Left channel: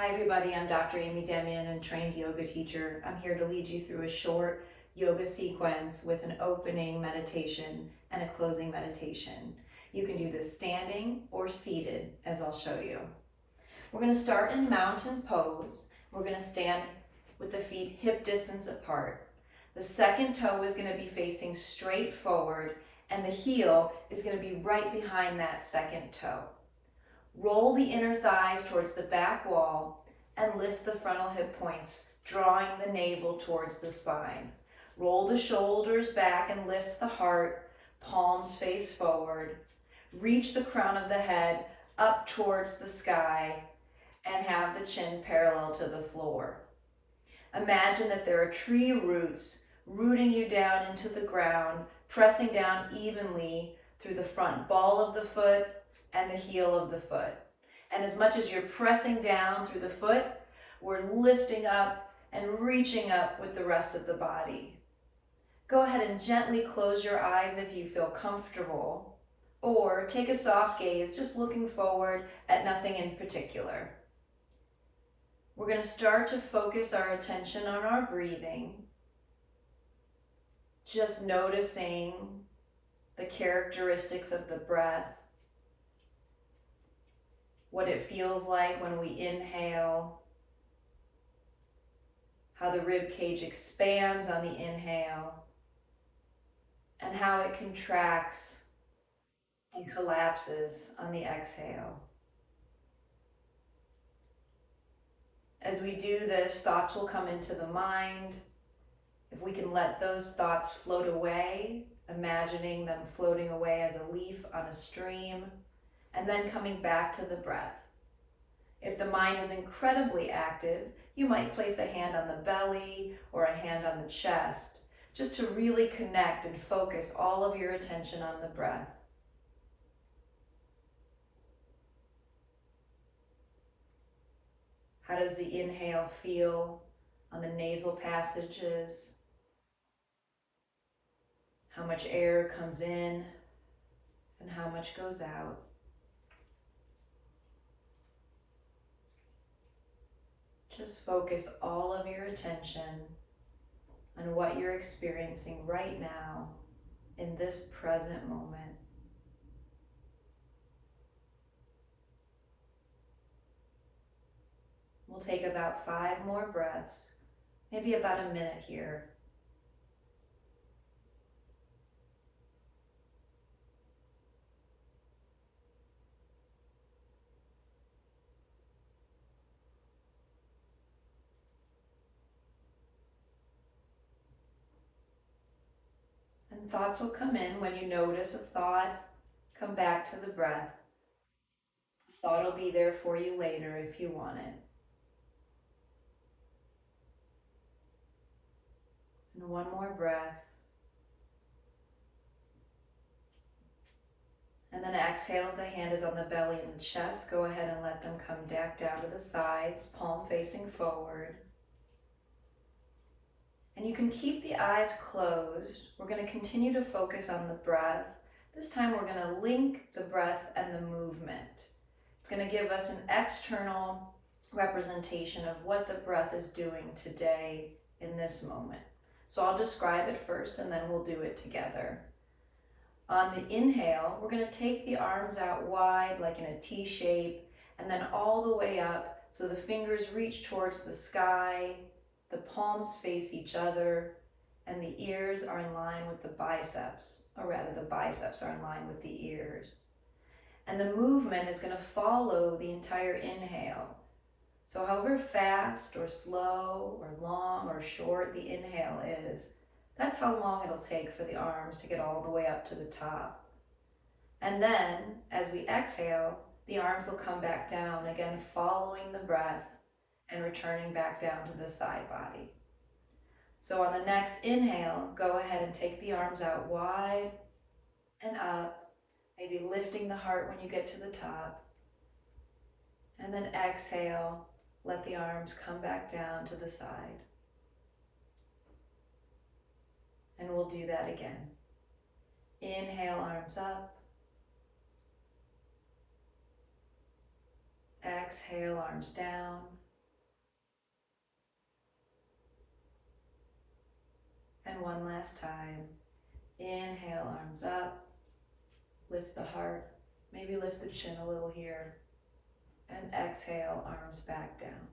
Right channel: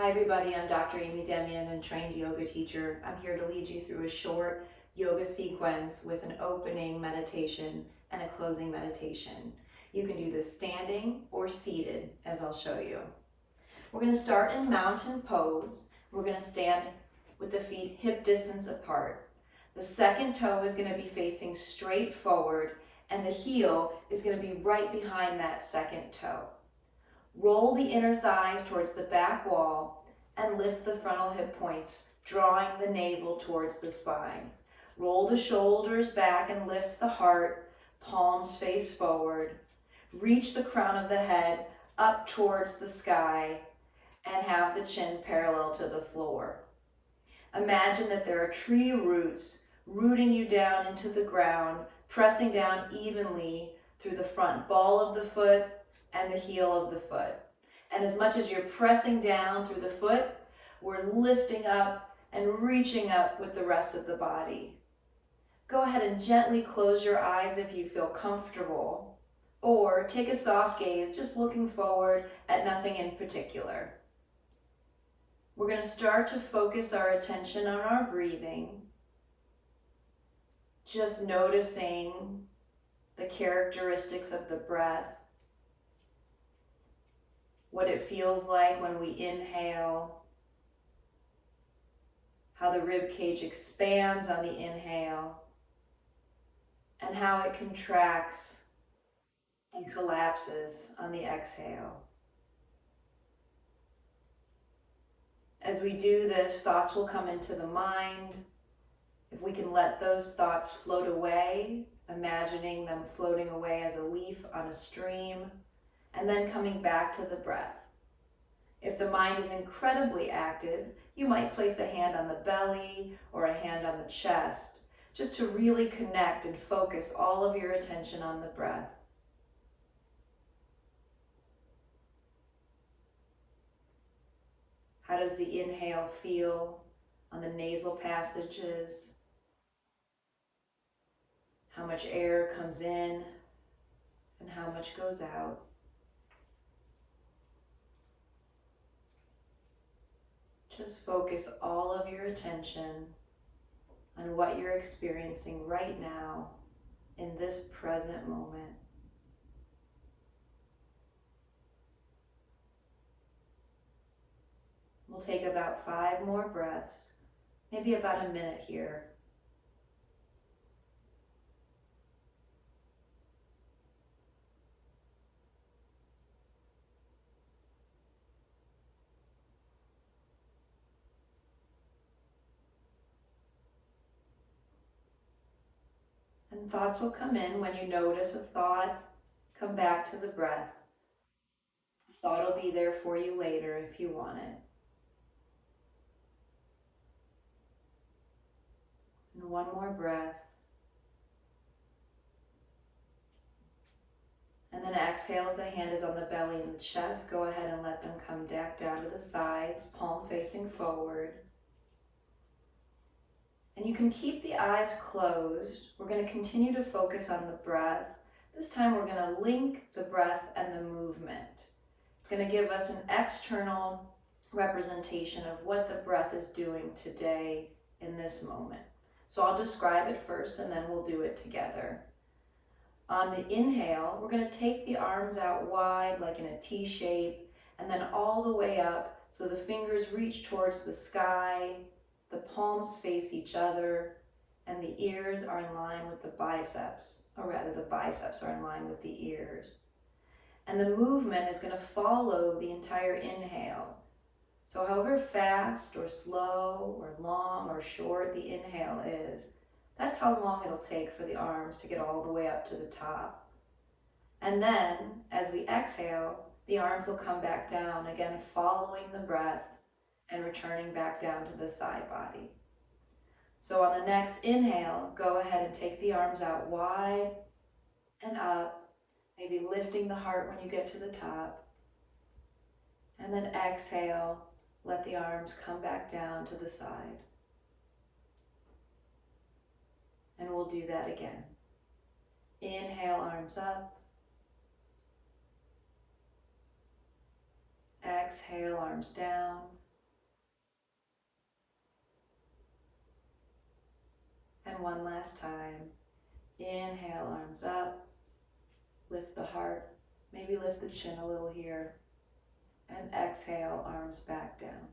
Hi everybody, I'm Dr. Amy Demyan and trained yoga teacher. I'm here to lead you through a short yoga sequence with an opening meditation and a closing meditation. You can do this standing or seated, as I'll show you. We're going to start in mountain pose. We're going to stand with the feet hip distance apart. The second toe is going to be facing straight forward and the heel is going to be right behind that second toe. Roll the inner thighs towards the back wall and lift the frontal hip points, drawing the navel towards the spine. Roll the shoulders back and lift the heart, palms face forward. Reach the crown of the head up towards the sky and have the chin parallel to the floor. Imagine that there are tree roots rooting you down into the ground, pressing down evenly through the front ball of the foot and the heel of the foot. And as much as you're pressing down through the foot, we're lifting up and reaching up with the rest of the body. Go ahead and gently close your eyes if you feel comfortable, or take a soft gaze, just looking forward at nothing in particular. We're going to start to focus our attention on our breathing, just noticing the characteristics of the breath, what it feels like when we inhale, how the rib cage expands on the inhale, and how it contracts and collapses on the exhale. As we do this, thoughts will come into the mind. If we can let those thoughts float away, imagining them floating away as a leaf on a stream, and then coming back to the breath. If the mind is incredibly active, you might place a hand on the belly or a hand on the chest, just to really connect and focus all of your attention on the breath. How does the inhale feel on the nasal passages? How much air comes in and how much goes out? Just focus all of your attention on what you're experiencing right now in this present moment. We'll take about 5 more breaths, maybe about a minute here. And thoughts will come in when you notice a thought, come back to the breath. The thought will be there for you later if you want it. And one more breath. And then exhale if the hand is on the belly and the chest. Go ahead and let them come back down to the sides, palm facing forward. And you can keep the eyes closed. We're going to continue to focus on the breath. This time we're going to link the breath and the movement. It's going to give us an external representation of what the breath is doing today in this moment. So I'll describe it first and then we'll do it together. On the inhale, we're going to take the arms out wide like in a T shape and then all the way up so the fingers reach towards the sky, the palms face each other, and the ears are in line with the biceps, or rather the biceps are in line with the ears. And the movement is going to follow the entire inhale. So however fast or slow or long or short the inhale is, that's how long it'll take for the arms to get all the way up to the top. And then, as we exhale, the arms will come back down, again following the breath and returning back down to the side body. So on the next inhale, go ahead and take the arms out wide and up, maybe lifting the heart when you get to the top. And then exhale, let the arms come back down to the side. And we'll do that again. Inhale, arms up. Exhale, arms down. one last time. Inhale, arms up. Lift the heart. Maybe lift the chin a little here. And exhale, arms back down.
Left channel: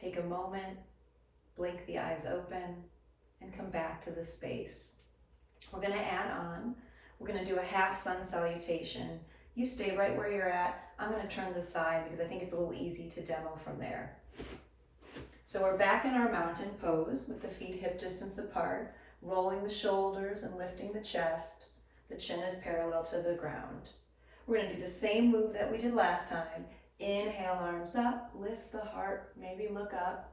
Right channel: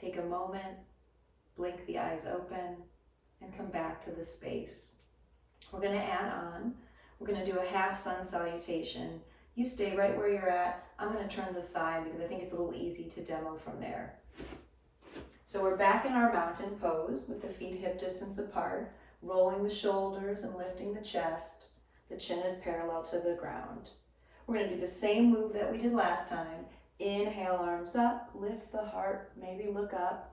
Take a moment, blink the eyes open, and come back to the space. We're going to add on. We're going to do a half sun salutation. You stay right where you're at. I'm going to turn this side because I think it's a little easy to demo from there. So we're back in our mountain pose with the feet hip distance apart, rolling the shoulders and lifting the chest. The chin is parallel to the ground. We're going to do the same move that we did last time. Inhale, arms up, lift the heart, maybe look up.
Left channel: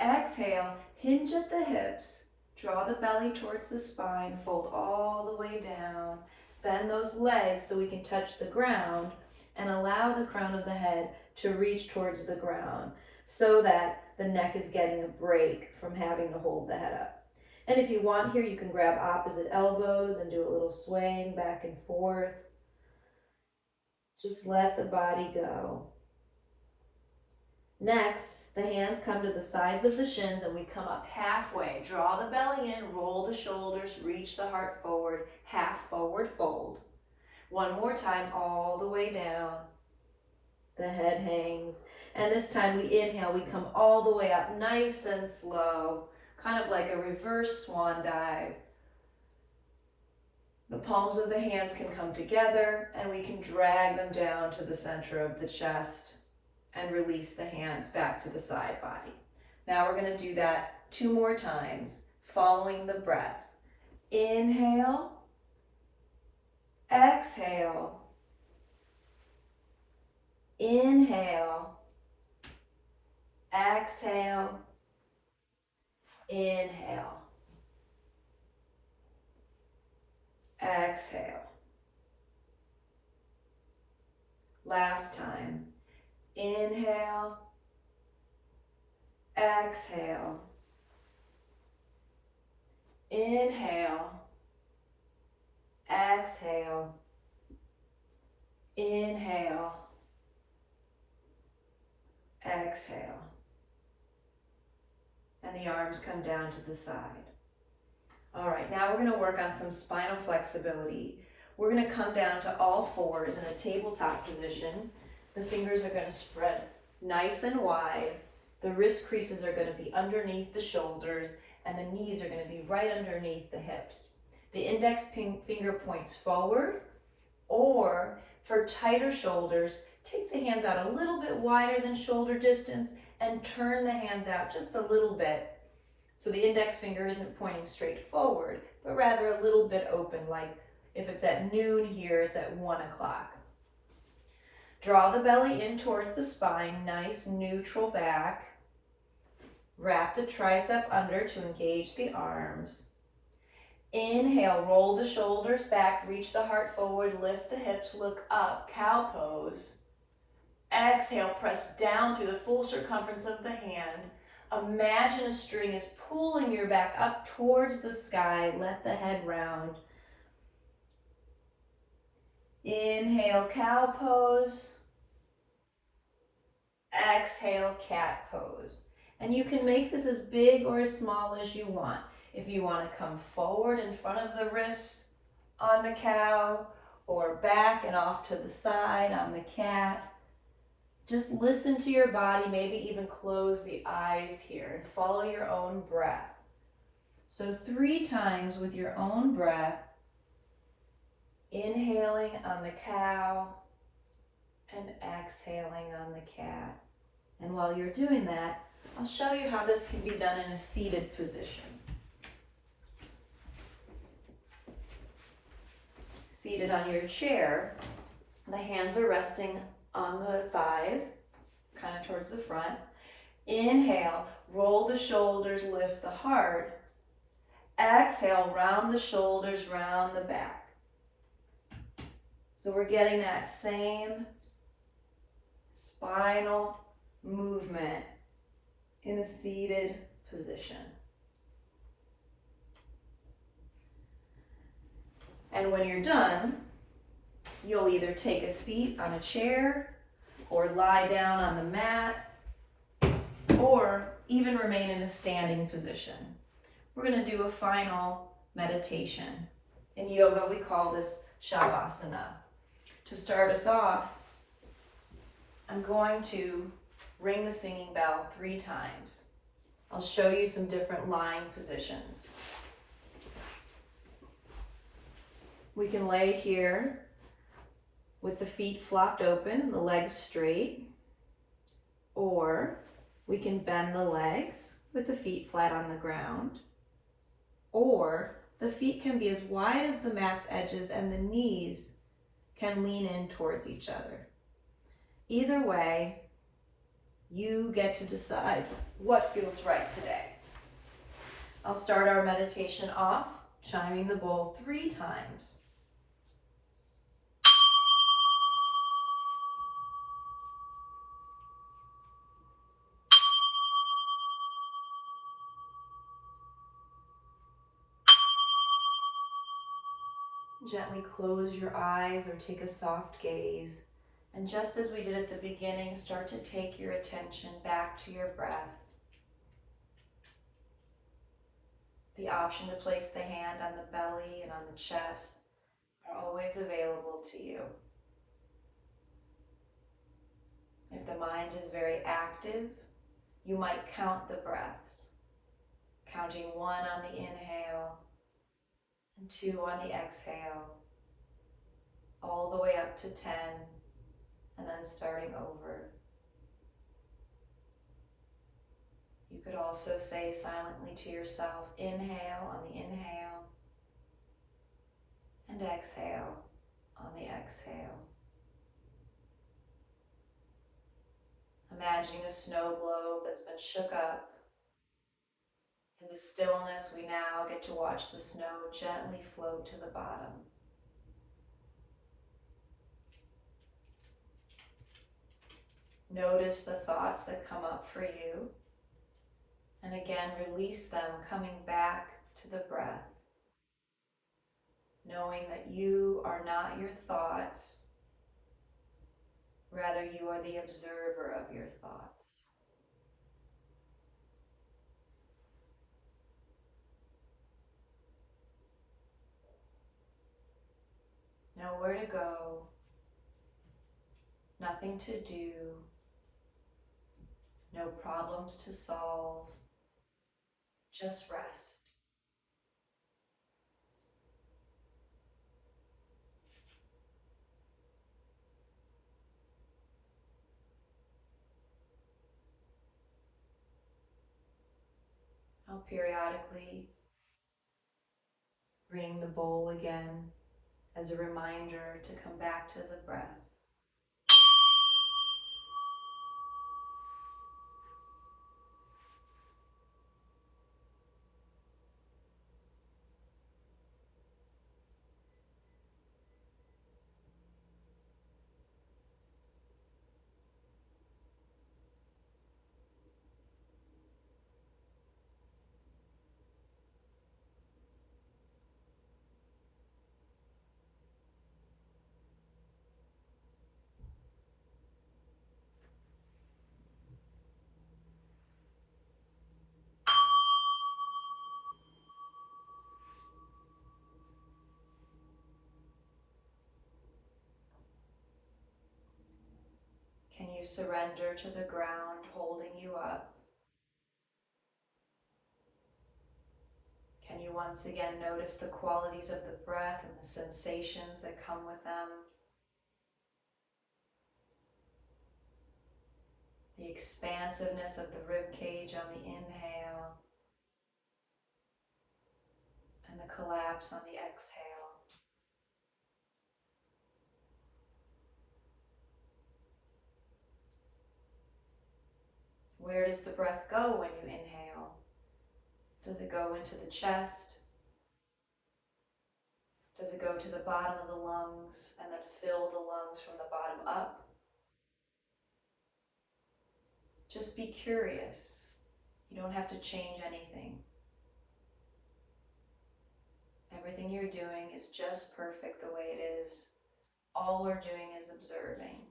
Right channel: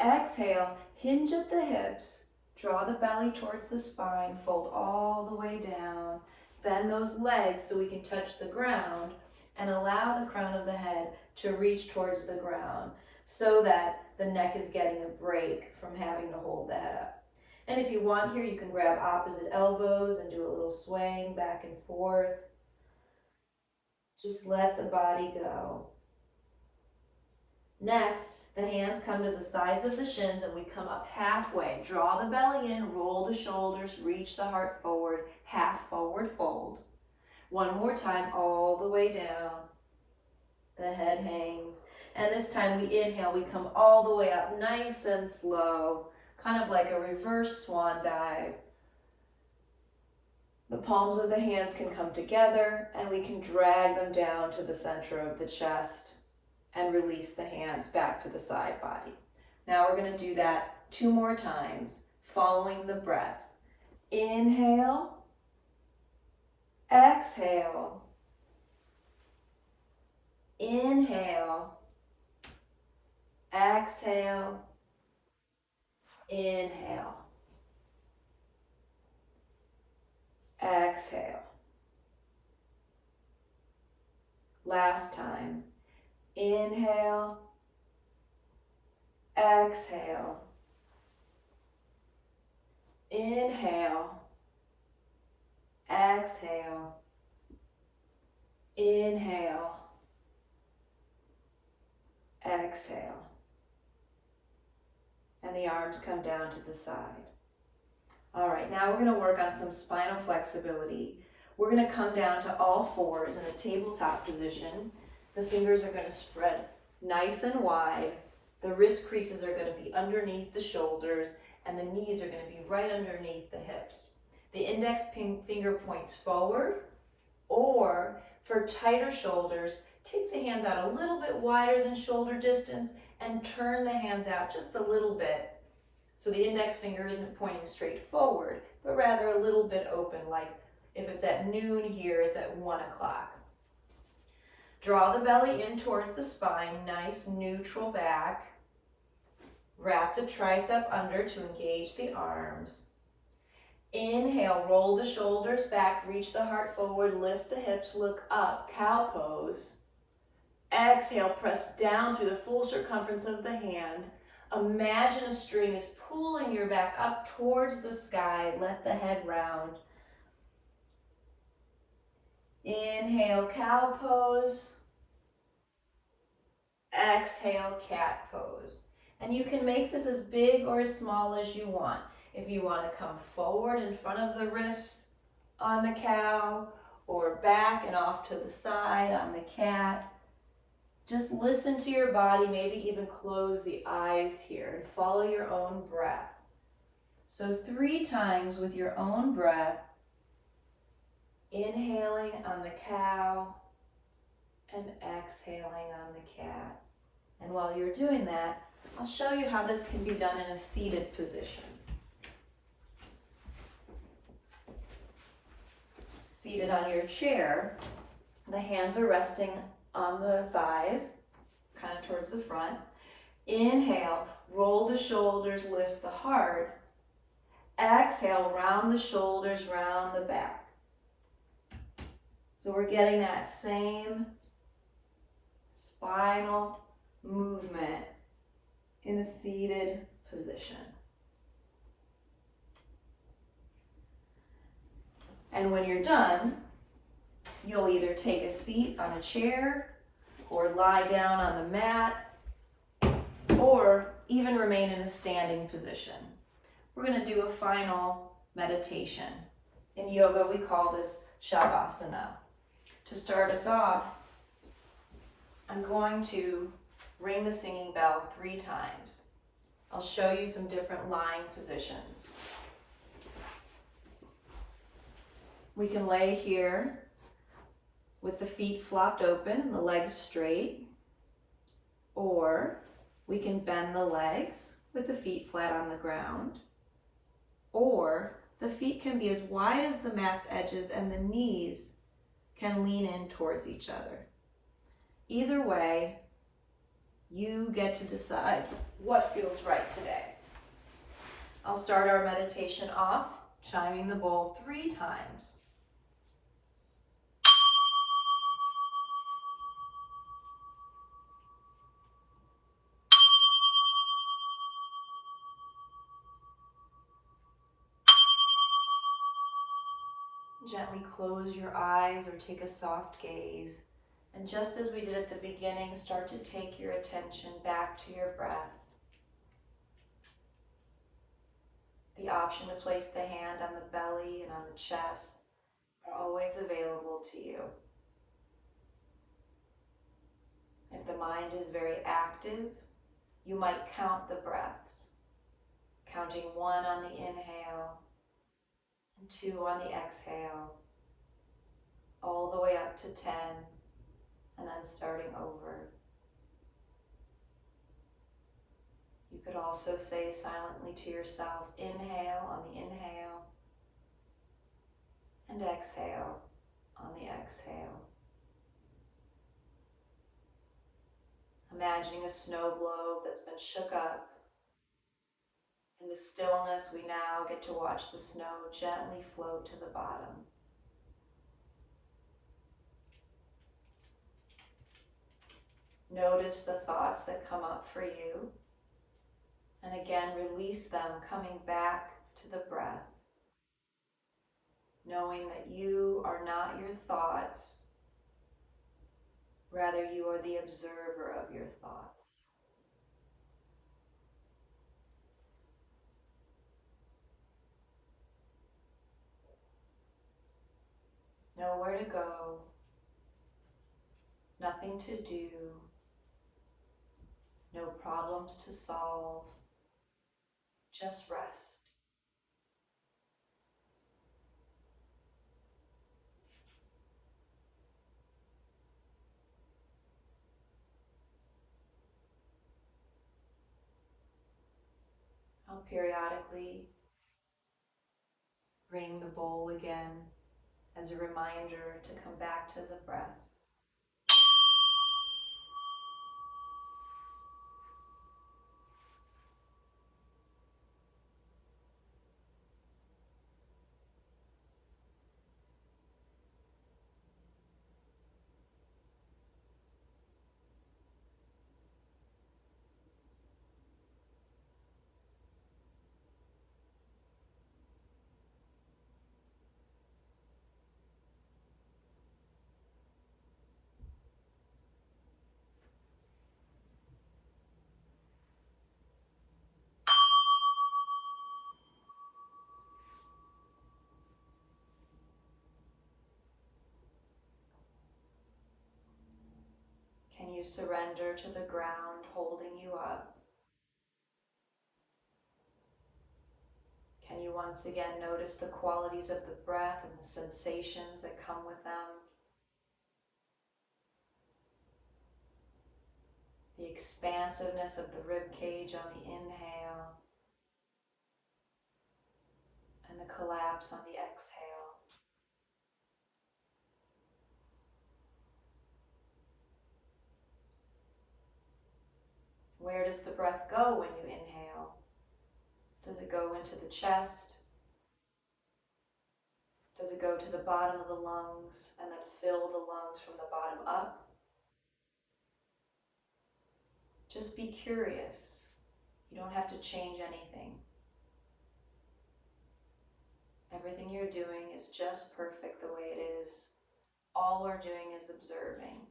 Exhale, hinge at the hips, draw the belly towards the spine, fold all the way down. Bend those legs so we can touch the ground and allow the crown of the head to reach towards the ground so that the neck is getting a break from having to hold the head up. And if you want here, you can grab opposite elbows and do a little swaying back and forth. Just let the body go. Next, the hands come to the sides of the shins and we come up halfway. Draw the belly in, roll the shoulders, reach the heart forward, half forward fold. One more time, all the way down. The head hangs. And this time we inhale, we come all the way up nice and slow, kind of like a reverse swan dive. The palms of the hands can come together and we can drag them down to the center of the chest and release the hands back to the side body. Now we're going to do that 2 more times, following the breath. Inhale, exhale, inhale, exhale, inhale, exhale. Last time. Inhale, exhale, inhale, exhale, inhale, exhale. And the arms come down to the side. All right, now we're going to work on some spinal flexibility. We're going to come down to all fours in a tabletop position. The fingers are going to spread nice and wide. The wrist creases are going to be underneath the shoulders and the knees are going to be right underneath the hips. The index finger points forward, or for tighter shoulders, take the hands out a little bit wider than shoulder distance and turn the hands out just a little bit. So the index finger isn't pointing straight forward, but rather a little bit open, like if it's at noon here, it's at 1 o'clock. Draw the belly in towards the spine, nice neutral back. Wrap the tricep under to engage the arms. Inhale, roll the shoulders back, reach the heart forward, lift the hips, look up, cow pose. Exhale, press down through the full circumference of the hand. Imagine a string is pulling your back up towards the sky. Let the head round. Inhale, cow pose. Exhale, cat pose. And you can make this as big or as small as you want. If you want to come forward in front of the wrists on the cow, or back and off to the side on the cat, just listen to your body, maybe even close the eyes here and follow your own breath. So 3 times with your own breath, inhaling on the cow and exhaling on the cat. And while you're doing that, I'll show you how this can be done in a seated position. Seated on your chair, the hands are resting on the thighs, kind of towards the front. Inhale, roll the shoulders, lift the heart. Exhale, round the shoulders, round the back. So we're getting that same spinal movement in a seated position. And when you're done, you'll either take a seat on a chair or lie down on the mat, or even remain in a standing position. We're going to do a final meditation. In yoga, we call this Shavasana. To start us off, I'm going to ring the singing bell 3 times. I'll show you some different lying positions. We can lay here with the feet flopped open and the legs straight, or we can bend the legs with the feet flat on the ground, or the feet can be as wide as the mat's edges and the knees can lean in towards each other. Either way, you get to decide what feels right today. I'll start our meditation off chiming the bowl 3 times. Gently close your eyes or take a soft gaze. And just as we did at the beginning, start to take your attention back to your breath. The option to place the hand on the belly and on the chest are always available to you. If the mind is very active, you might count the breaths, counting 1 on the inhale and 2 on the exhale, all the way up to 10, and then starting over. You could also say silently to yourself, inhale on the inhale, and exhale on the exhale. Imagining a snow globe that's been shook up. In the stillness, we now get to watch the snow gently float to the bottom. Notice the thoughts that come up for you, and again, release them, coming back to the breath, knowing that you are not your thoughts, rather you are the observer of your thoughts. Nowhere to go, nothing to do, no problems to solve, just rest. I'll periodically ring the bowl again as a reminder to come back to the breath. Can you surrender to the ground holding you up? Can you once again notice the qualities of the breath and the sensations that come with them? The expansiveness of the rib cage on the inhale and the collapse on the exhale. Where does the breath go when you inhale? Does it go into the chest? Does it go to the bottom of the lungs and then fill the lungs from the bottom up? Just be curious. You don't have to change anything. Everything you're doing is just perfect the way it is. All we're doing is observing.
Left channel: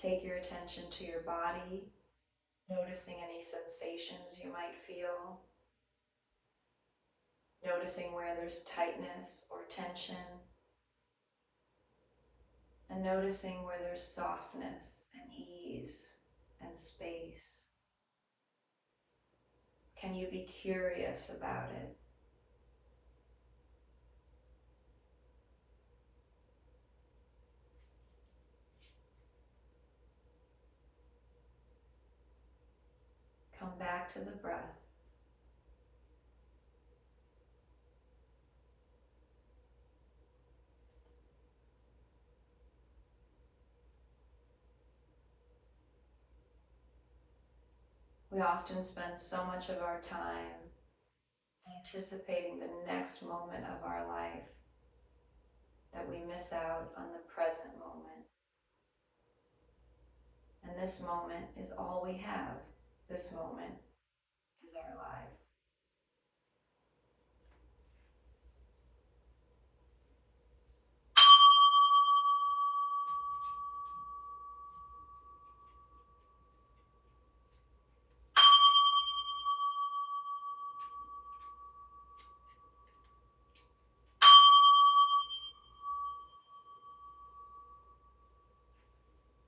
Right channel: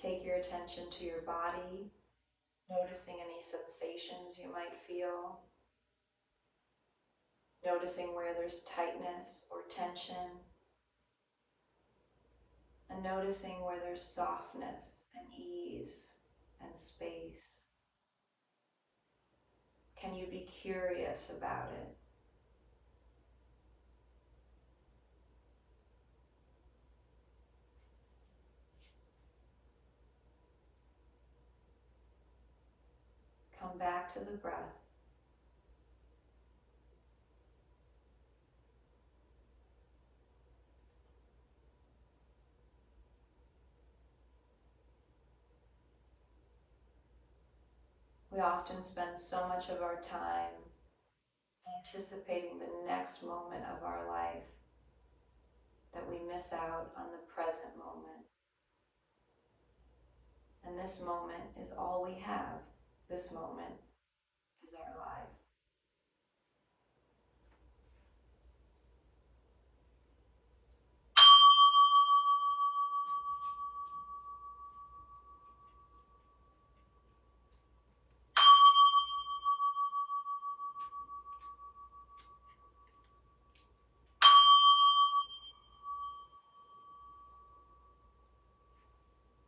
Take your attention to your body, noticing any sensations you might feel, noticing where there's tightness or tension, and noticing where there's softness and ease and space. Can you be curious about it? Come back to the breath. We often spend so much of our time anticipating the next moment of our life that we miss out on the present moment. And this moment is all we have. This moment is our life.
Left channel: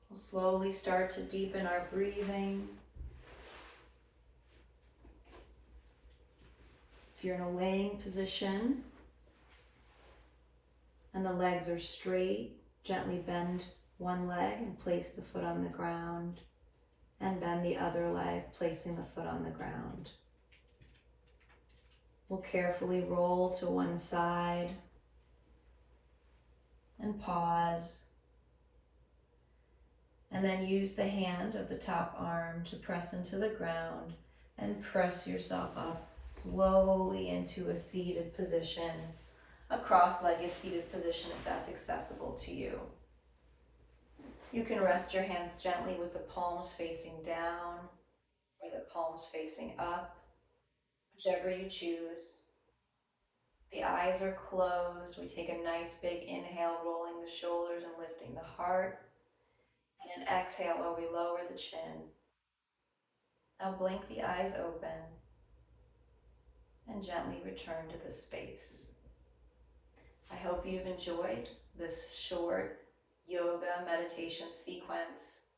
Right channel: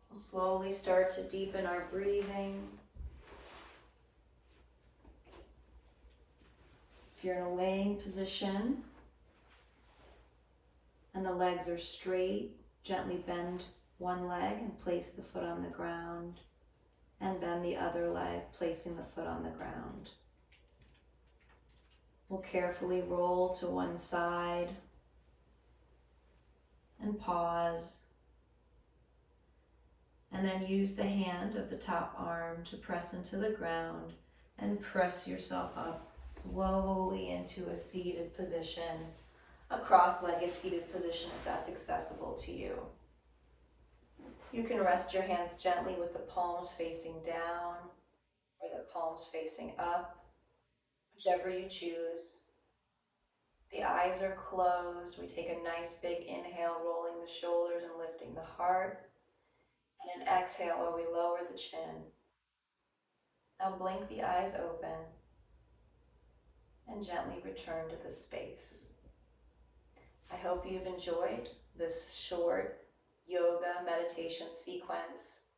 We'll slowly start to deepen our breathing. If you're in a laying position and the legs are straight, gently bend one leg and place the foot on the ground, and bend the other leg, placing the foot on the ground. We'll carefully roll to one side and pause, and then use the hand of the top arm to press into the ground and press yourself up slowly into a seated position, a cross-legged seated position if that's accessible to you. You can rest your hands gently with the palms facing down or the palms facing up, whichever you choose. The eyes are closed. We take a nice big inhale, rolling the shoulders and lifting the heart, and an exhale where we lower the chin. Now blink the eyes open and gently return to the space. I hope you've enjoyed this short yoga meditation sequence